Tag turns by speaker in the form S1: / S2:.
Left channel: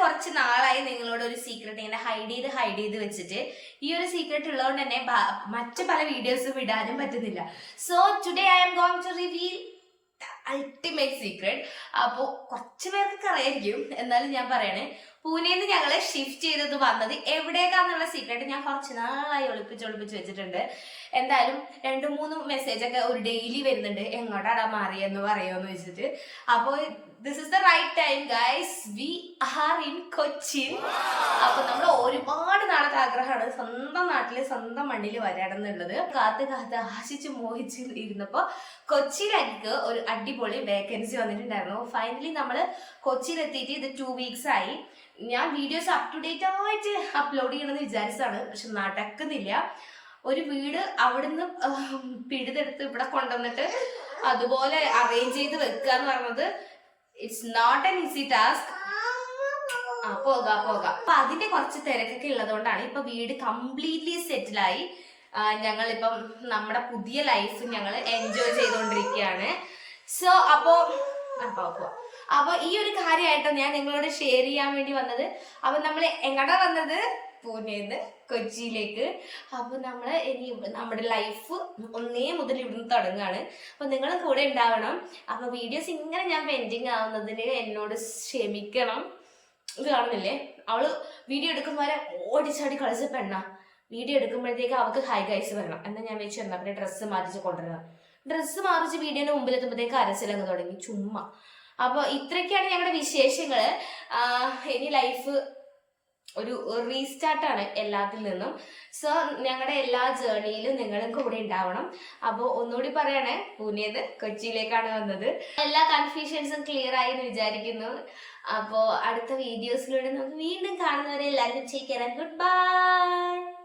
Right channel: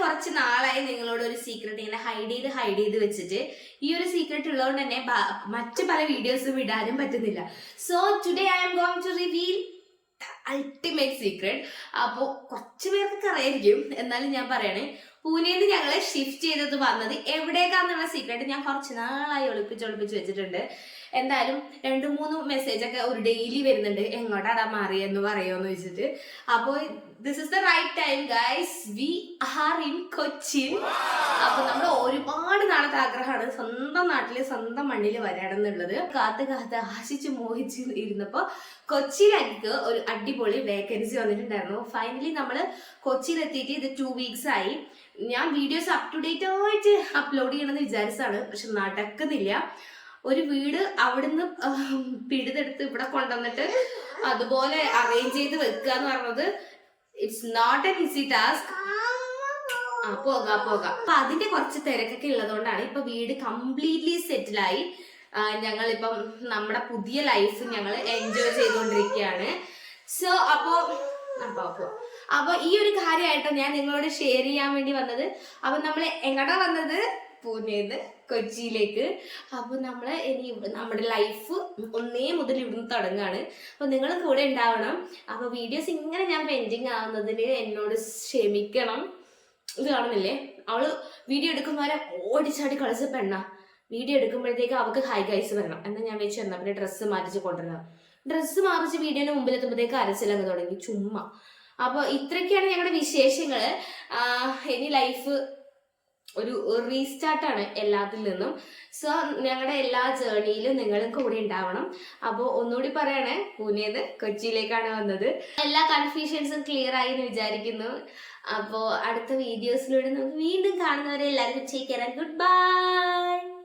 S1: കുറച്ച് നാളായി നിങ്ങളോട് ഒരു സീക്രട്ട് ഇങ്ങനെ ഹൈഡ് ചെയ്ത് ഹൈഡ് ചെയ്ത് വെച്ചിട്ട്. ഈ ഒരു സീക്രട്ട് ഉള്ളതുകൊണ്ട് തന്നെ മറ്റു പല വീഡിയോസും ഇടാനും പറ്റുന്നില്ല. So today I'm going to reveal ultimate secret അപ്പോൾ കുറച്ച് പേർക്കൊക്കെ അറിയായിരിക്കും. എന്നാലും ഞാൻ പറയണേ പൂനെയിൽ നിന്ന് ഞങ്ങളെ ഷിഫ്റ്റ് ചെയ്തത് വന്നത് എവിടേക്കാന്നുള്ള സീക്രട്ട് ഞാൻ കുറച്ച് നാളായി ഒളിപ്പിച്ച് ഒളിപ്പിച്ച് വെച്ചിട്ടുണ്ട്. എന്തായാലും രണ്ട് മൂന്ന് മെസ്സേജ് ഒക്കെ ഒരു ഡെയിലി വരുന്നുണ്ട്. എങ്ങോട്ടാടാ മാറിയെന്ന് പറയുമെന്ന് വെച്ചിട്ട്. അപ്പോൾ this is the right time guys we are in Cochin അപ്പോൾ നമ്മൾ ഒരുപാട് ആഗ്രഹമാണ്. സ്വന്തം നാട്ടിൽ സ്വന്തം മണ്ണിൽ വരാണെന്നുള്ളത്. കാത്ത് കാത്ത് ആശിച്ച് മോഹിച്ച് ഇരുന്നപ്പോ കൊച്ചിയിലേക്ക് ഒരു അടിപൊളി വേക്കൻസി വന്നിട്ടുണ്ടായിരുന്നു. ഫൈനലി നമ്മൾ കൊച്ചിയിലെത്തിയിട്ട് ഇത് ടു വീക്സ് ആയി. ഞാൻ വീഡിയോസ് അപ് ടു ഡേറ്റ് ആയിട്ട് അപ്ലോഡ് ചെയ്യണമെന്ന് വിചാരിച്ചതാണ് പക്ഷെ നടക്കുന്നില്ല. ഒരു വീട് അവിടുന്ന് പിടിതെടുത്ത് ഇവിടെ കൊണ്ടുവന്നിട്ട് അതുപോലെ അറേഞ്ച് ചെയ്ത് വെക്കുക എന്ന് പറഞ്ഞത് it's not an easy task ആ പോകാം പോകാം. അപ്പൊ അതിന്റെ കുറച്ച് തിരക്കൊക്കെ ഉള്ളതുകൊണ്ടാണ് ഇപ്പൊ വീട് കംപ്ലീറ്റ്ലി സെറ്റിലായി ഞങ്ങൾ ഞങ്ങളിപ്പം നമ്മുടെ പുതിയ ലൈഫ് ഞങ്ങൾ എൻജോയ് ചെയ്തുകൊണ്ടിരിക്കുകയാണ് സോ അപ്പോ ആ, പോവാം, പോവാം. അപ്പൊ ഈ ഒരു കാര്യമായിട്ടോ ഞാൻ നിങ്ങളോട് ഷെയർ ചെയ്യാൻ വേണ്ടി വന്നത്. അപ്പൊ നമ്മൾ എങ്ങടെ വന്നത്? പൂനെന്ന് കൊച്ചിയിലേക്ക്. അപ്പൊ നമ്മൾ ഇനി നമ്മുടെ ലൈഫ് ഒന്നേ മുതൽ ഇവിടുന്ന് തുടങ്ങുകയാണ്. അപ്പൊ നിങ്ങൾ കൂടെ ഉണ്ടാവണം. അപ്പൊ വീഡിയോസ് ഇങ്ങനെ ഞാൻ പെൻഡിങ് ആവുന്നതിന് എന്നോട് ക്ഷമിക്കണം. ഇത് കാണുന്നില്ലേ? അവൾ വീഡിയോ എടുക്കുമ്പോൾ ഓടിച്ചാടി കളിച്ച പെണ്ണ വീഡിയോ എടുക്കുമ്പോഴത്തേക്ക് അവൾക്ക് ഹൈ ഗൈസ് വരണം. എന്നാൽ ഞാൻ വെച്ച് എന്നാ പിന്നെ ഡ്രസ്സ് മാറ്റിച്ച് കൊണ്ടുവരണം. ഡ്രസ്സ് മാറിച്ച് വീഡിയോന് മുമ്പിൽ എത്തുമ്പോഴത്തേക്ക് അരച്ചിലങ്ങ് തുടങ്ങി. ചുമ്മാ. അപ്പോൾ ഇത്രയൊക്കെയാണ് ഞങ്ങളുടെ വിശേഷങ്ങൾ ഇനി ലൈഫ് ഒരു റീസ്റ്റാർട്ടാണ് എല്ലാത്തിൽ നിന്നും. സോ ഞങ്ങളുടെ എല്ലാ ജേർണിയിലും നിങ്ങളും കൂടെ ഉണ്ടാവണം. അപ്പോൾ ഒന്നുകൂടി പറയണേ പൂനെന്ന് കൊച്ചിയിലേക്കാണ് വന്നത്. എല്ലാ കൺഫ്യൂഷൻസും ക്ലിയർ ആയി എന്ന് വിചാരിക്കുന്നു. അപ്പോൾ അടുത്ത വീഡിയോസിലൂടെ നമുക്ക് വീണ്ടും കാണുന്നവരെ എല്ലാവരും ചേക്കേറാൻ ഗുഡ് ബൈ